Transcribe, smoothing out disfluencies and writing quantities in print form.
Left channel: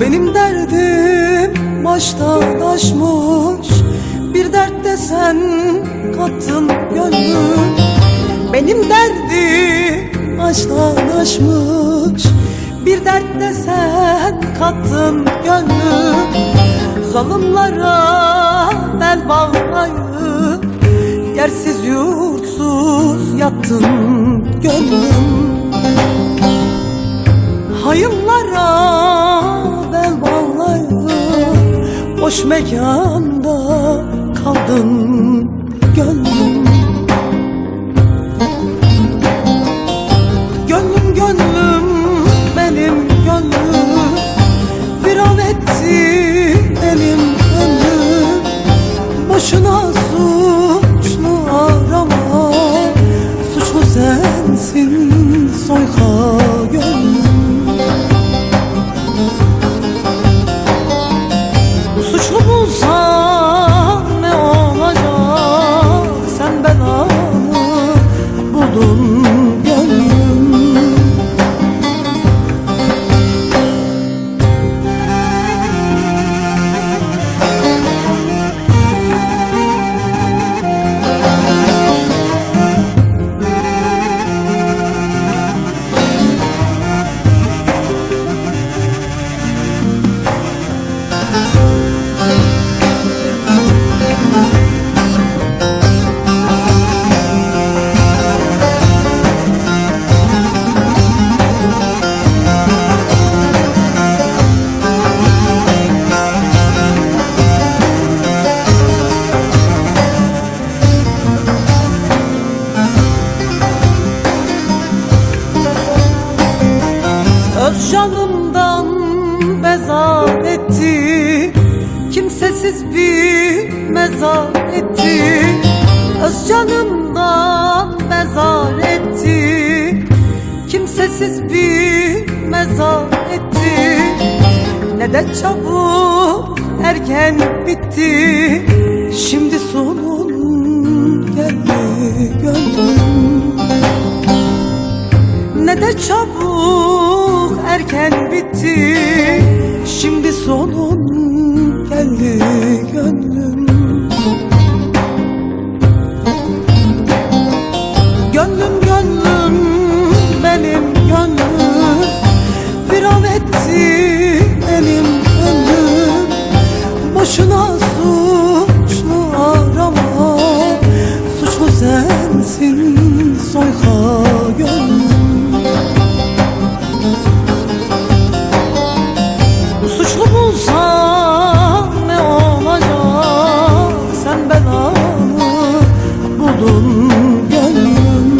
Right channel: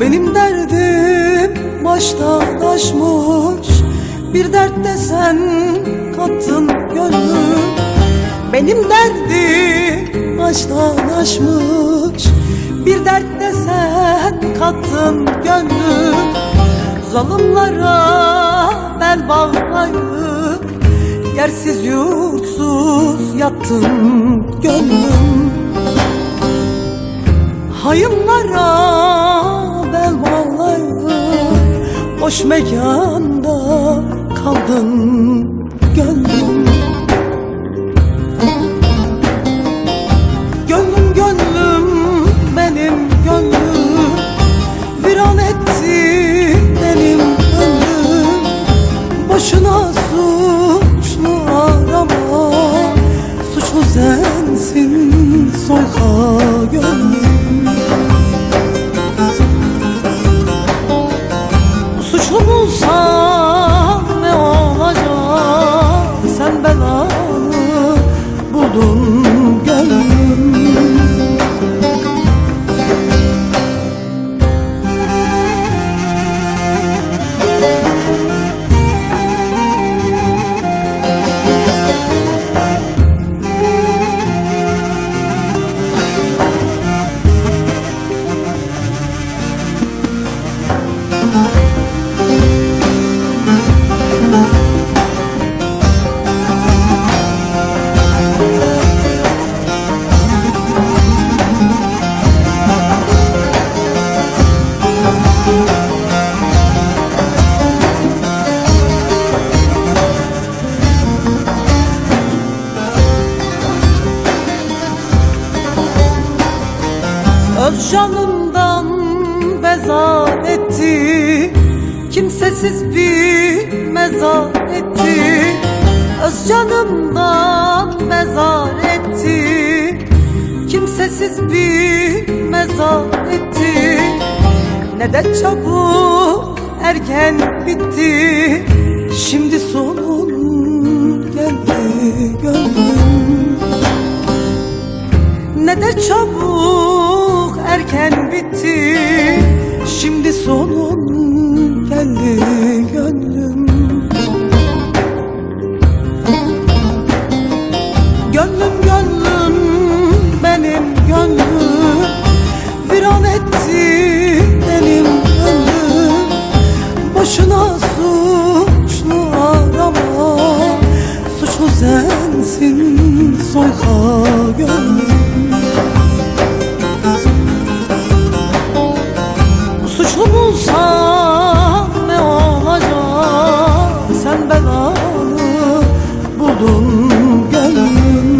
Benim derdim baştan aşmış, bir dert de sen kattın gönlüm. Benim derdim baştan aşmış, bir dert de sen kattın gönlüm. Zalimlere bel bağlayıp yersiz yurtsuz yattın gönlüm. Hayımlara bel bağlayıp boş mekanda kaldın gönlüm. Gönlüm gönlüm benim gönlüm, viran etti benim ömrüm. Boşuna suçlu arama, suçlu sensin soyka gönlüm. Suçlu bulsan ne olacak, sen belanı buldun gönlüm. Öz canımdan bezar etti, kimsesiz bir mezar etti. Öz canımdan bezar etti, kimsesiz bir mezar etti. Ne de çabuk erken bitti, şimdi sonun geldi gönlüm. Ne de çabuk erken bitti, şimdi sonun geldi gönlüm. Gönlüm gönlüm benim gönlüm, viran etti benim ömrüm. Boşuna suçlu arama, suçlu sensin soyka gönlüm. Suçlu bulsan ne olacak, sen belanı buldun gönlüm.